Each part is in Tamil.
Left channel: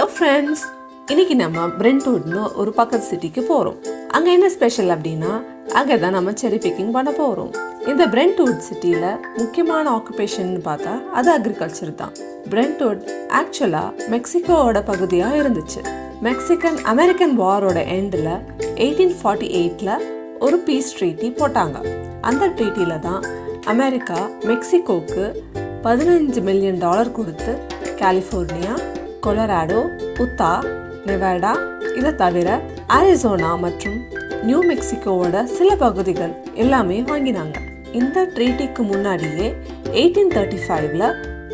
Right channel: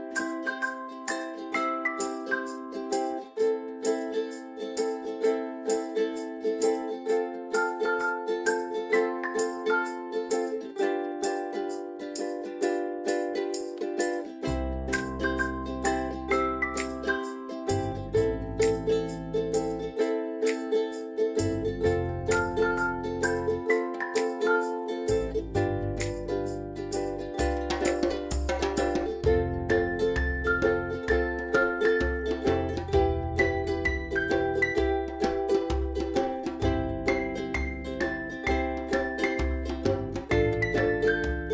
ஹலோ ஃப்ரெண்ட்ஸ், இன்னைக்கு நம்ம பிரென்ட்வுட்னு ஒரு பக்கத்து சிட்டிக்கு போகிறோம். அங்கே என்ன ஸ்பெஷல் அப்படின்னா, அங்கே தான் நம்ம செரி பிக்கிங் பண்ண போகிறோம். இந்த பிரென்ட்வுட் சிட்டியில் முக்கியமான ஆக்குபேஷன் பார்த்தா அது அக்ரிகல்ச்சர் தான். பிரென்ட்வுட் ஆக்சுவலாக மெக்சிகோவோட பகுதியாக இருந்துச்சு. மெக்சிகன் அமெரிக்கன் வாரோட எண்டில் 1848 ஒரு பீஸ் ட்ரீட்டி போட்டாங்க. அந்த ட்ரீட்டியில் தான் அமெரிக்கா மெக்சிகோவுக்கு $15 மில்லியன் கொடுத்து கலிஃபோர்னியா, கொலராடோ, உத்தா, நெவாடா, இதை தவிர அரிசோனா மற்றும் நியூ மெக்சிகோவோட சில பகுதிகள் எல்லாமே வாங்கினாங்க. இந்த ட்ரீட்டிக்கு முன்னாடியே 1835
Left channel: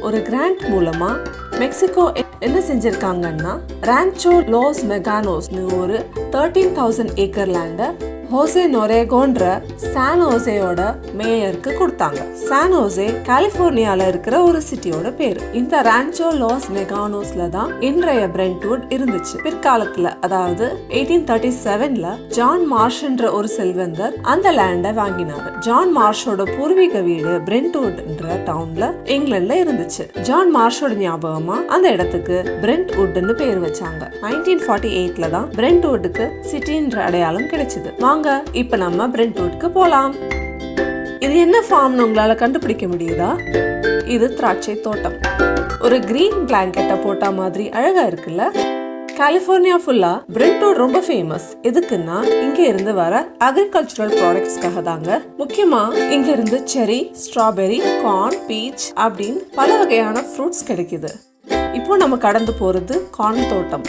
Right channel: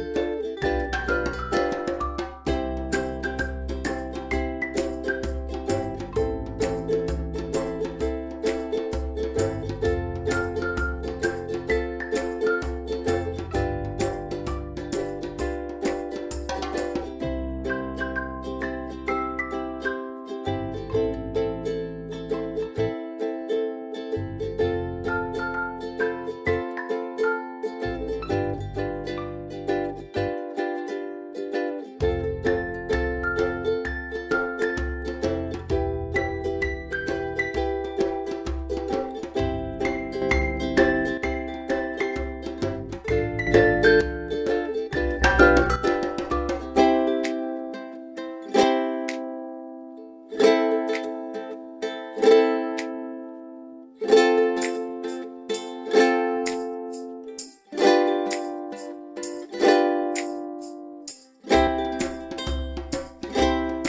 ஒரு கிராண்ட் மூலமா மெக்சிகோ என்ன செஞ்சிருக்காங்கன்னா, ரான்ச்சோ லாஸ் மெகானோஸ்னு ஒரு 13,000 ஏக்கர் லேண்டை ஹோசே நொரேகோன்ற சான் ஹோசேயோட மேயருக்கு கொடுத்தாங்க. சான் ஹோசே கலிஃபோர்னியால இருக்கிற ஒரு சிட்டியோட பேரு. இந்த ரான்ச்சோ லாஸ் மெகானோஸ்ல தான் இன்றைய பிரென்ட்வுட் இருந்துச்சு. பிற்காலத்துல, அதாவது 1837 ஜான் மார்ஷ்ன்ற ஒரு செல்வந்தர் அந்த லேண்டை வாங்கினாங்க. ஜான் மார்ஷோட பூர்வீக வீடு பிரென்ட்வுட்ன்ற டவுன்ல இங்கிலாந்துல இருந்துச்சு. ஜான் மார்ஷோட ஞாபகமா அந்த இடத்துக்கு பிரென்ட்வுட்னு பேர் வச்சாங்க. 1948 தான் பிரென்ட்வுட்க்கு சிட்டின்ற அடையாளம் கிடைச்சது. வாங்க இப்ப நம்ம பிரென்ட்வுட்க்கு போலாம். இது என்ன ஃபார்ம்னு உங்களால கண்டுபிடிக்க முடியுதா? இது திராட்சை தோட்டம். ஒரு கிரீன் பிளாங்கெட்ட போட்ட மாதிரி அழகா இருக்குல்ல? கலிஃபோர்னியா ஃபுல்லா பிரென்ட்வுட் ரொம்ப ஃபேமஸ். எதுக்குன்னா, இங்க இருந்து வர அக்ரிகல்ச்சரல் ப்ராடக்ட்ஸ்க்காக தாங்க. முக்கியமா இங்க இருந்து செரி, ஸ்ட்ராபெரி, கார்ன், பீச் அப்படின்னு பல வகையான ஃப்ரூட்ஸ் கிடைக்குது. இப்போ நம்ம கடந்து போறது கார்ன் தோட்டம்.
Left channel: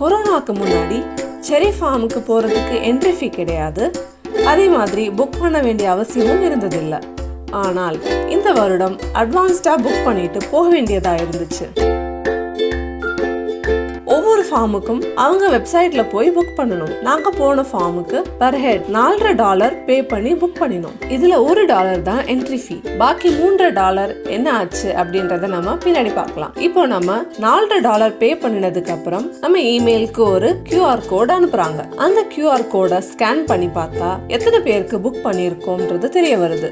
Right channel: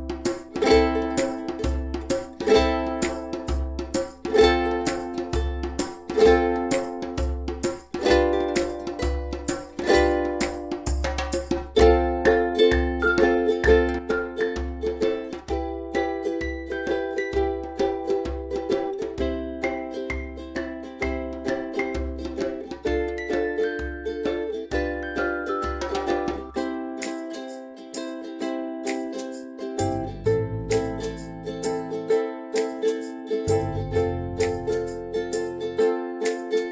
கொரோனாக்கு முன்னாடி செரி ஃபார்முக்கு போறதுக்கு என்ட்ரி ஃபீ கிடையாது. அதே மாதிரி புக் பண்ண வேண்டிய அவசியமும் இருந்ததில்லை. ஆனால் இந்த வருடம் அட்வான்ஸ்டா புக் பண்ணிட்டு போக வேண்டியதா இருந்துச்சு. ஒவ்வொரு ஃபார்முக்கும் அவங்க வெப்சைட்ல போய் புக் பண்ணணும். நாங்க போன ஃபார்முக்கு பர் ஹெட் $4.50 பே பண்ணி புக் பண்ணினோம். இதுல $1 தான் என்ட்ரி ஃபீ. பாக்கி $3 என்ன ஆச்சு அப்படின்றத நம்ம பின்னாடி பார்க்கலாம். இப்போ நம்ம $4 பே பண்ணினதுக்கு அப்புறம் நம்ம இமெயிலுக்கு ஒரு QR கோட் அனுப்புறாங்க. அந்த QR கோடை ஸ்கேன் பண்ணி பார்த்தா எத்தனை பேருக்கு புக் பண்ணியிருக்கோம்ன்றது தெரிய வருது.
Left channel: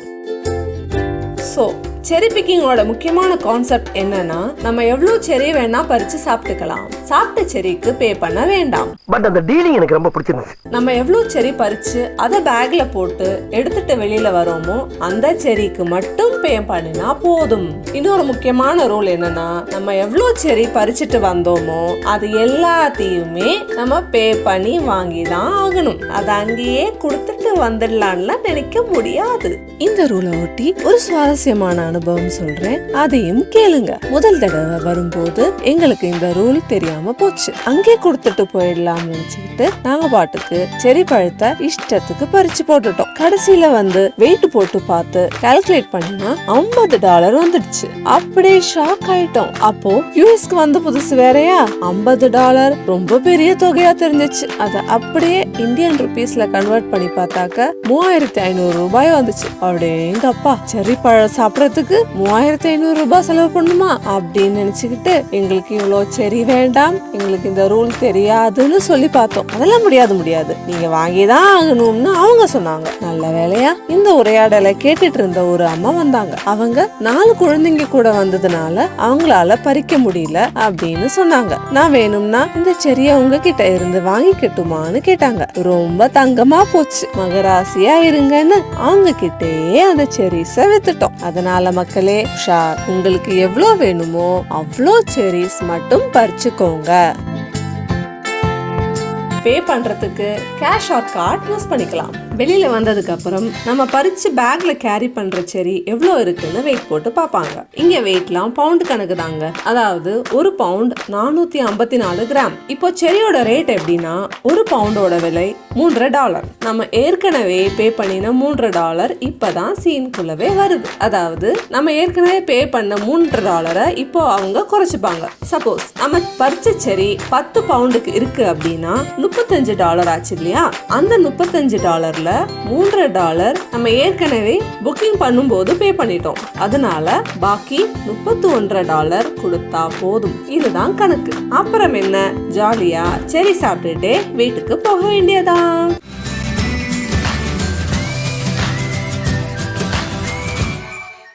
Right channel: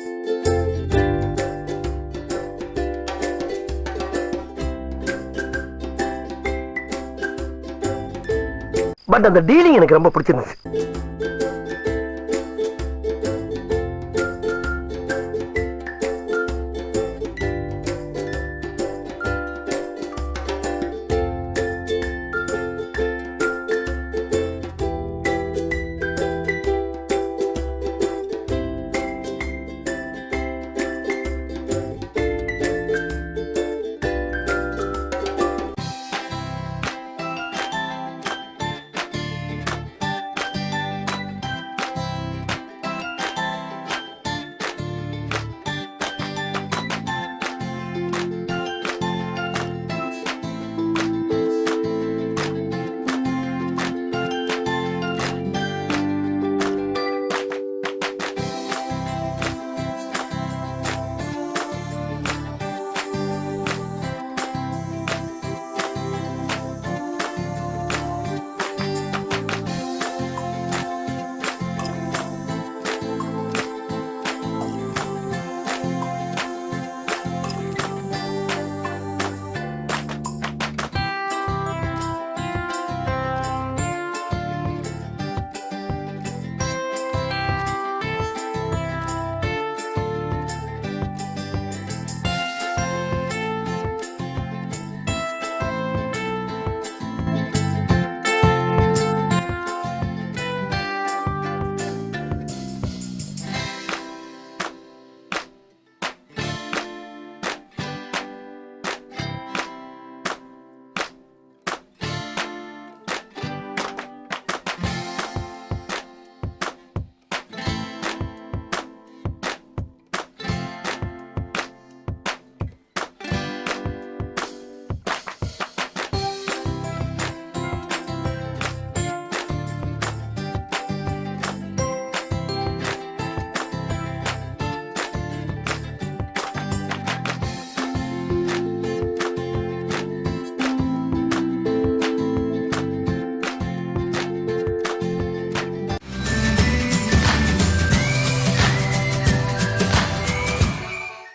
ஸோ செரி பிக்கிங்கோட முக்கியமான கான்செப்ட் என்னன்னா, நம்ம எவ்வளவு செரி வேணா பறிச்சு சாப்பிட்டுக்கலாம். சாப்பிட்ட செரிக்கு பே பண்ண வேண்டாம். பட் அந்த டீலிங் எனக்கு ரொம்ப பிடிச்சிருந்துச்சு. நம்ம எவ்வளவு செரி பறிச்சு அதை பேக்ல போட்டு எடுத்துட்டு வெளியில வரோமோ அந்த செரிக்கு மட்டும் பே பண்ணினா போதும். இன்னொரு முக்கியமான ரூல் என்னன்னா, நம்ம எவ்வளவு செரி பறிச்சுட்டு வந்தோமோ அது எல்லாத்தையுமே நம்ம பே பண்ணி வாங்கிதான் ஆகணும். அதை அங்கேயே கொடுத்துட்டு வந்துடலாம்ல நினைக்க முடியாது. இந்த ரூலை ஒட்டி ஒரு சுவாரஸ்யமான அனுபவம் சொல்றேன், அதையும் கேளுங்க. முதல் தடவை வரும்போது எங்களுக்கு இந்த ரூல் தெரியாம போச்சு. அங்கே கொடுத்துட்டு போயிடலாம் நினைச்சுக்கிட்டு நாங்க பாட்டுக்கு செரி பழத்தை இஷ்டத்துக்கு பறிச்சு போட்டுட்டோம். கடைசியில வந்து வெயிட் போட்டு பார்த்து கால்குலேட் பண்ணினா $50 வந்துடுச்சு. அப்படியே ஷாக் ஆயிட்டோம். அப்போ யூஎஸ்க்கு வந்த புதுசு வேறையா, $50 ரொம்ப பெரிய தொகையா தெரிஞ்சிச்சு. அதை அப்படியே இந்தியன் ருபீஸ்ல கன்வெர்ட் பண்ணி பார்த்தாக்க $3500 வந்துச்சு. அப்படியே அப்பா, செரி பழம் சாப்பிடறதுக்கு $3500 செலவு பண்ணுமா அப்படின்னு நினைச்சுக்கிட்டு எங்களுக்கு இவ்வளவு செரி வேண்டாம், எங்களுக்கு இந்த ரூல் தெரியாதுன்னு சொல்லி பார்த்தோம். அதெல்லாம் முடியாது, நீங்க வாங்கிதான் ஆகணும்னு அவங்க சொன்னாங்க. நல்ல வேலையா இந்த உரையாடலை கேட்டுட்டு இருந்த ஒரு அம்மா வந்தாங்க. அவங்க 4 குழந்தைங்க கூட வந்ததுனால அவங்களால பறிக்க முடியல அப்படின்னு சொன்னாங்க. நான் வேணும்னா இந்த செரிய உங்ககிட்ட இருந்து வாங்கிக்கட்டுமான்னு கேட்டாங்க. ரொம்ப தங்கமா போச்சு. மகராசியா இருங்கன்னு அவங்க கிட்டே அந்த செரிஸ வித்துட்டோம். அதனால மக்களே, உங்களுக்கு எவ்வளவு வேணுமோ அவ்வளோ செரிஸ் மட்டும் பறிச்சுக்கோங்க. பே பண்றதுக்கு கேஷ் ஆர் கார்டு யூஸ் பண்ணிக்கலாம். வெளியில வந்ததுக்கு அப்புறம் நம்ம பறிச்சு பேக்ல கேரி பண்ற செரி எவ்வளவு இருக்குன்னு வெயிட் போட்டு பாப்பாங்க. இங்க வெயிட்லாம் பவுண்ட் கணக்கு தாங்க. அதாவது ஒரு பவுண்ட் 454 கிராம். இப்போ செரியோட ரேட் எப்படின்னா, ஒரு பவுண்டோட விலை $3. நம்ம ஏற்கனவே பே பண்ணின $3 இப்பதான் சீனுக்குள்ளவே வருது. அதாவது நம்ம ஏற்கனவே பே பண்ண $3 இப்போ அவங்க குறைச்சுப்பாங்க. சப்போஸ் நம்ம பறிச்ச செரி 10 பவுண்டுக்கு இருக்கு அப்படின்னா $35 ஆச்சு இல்லையா? அந்த $35 $3 நம்ம ஏற்கனவே புக்கிங் பண்ணும்போது பே பண்ணிட்டோம். அதனால பாக்கி $31 கொடுத்தா போதும். இதுதான் கணக்கு. அப்புறம் என்ன, ஜாலியா செரி சாப்பிட்டுட்டே வீட்டுக்கு போக வேண்டியதான்.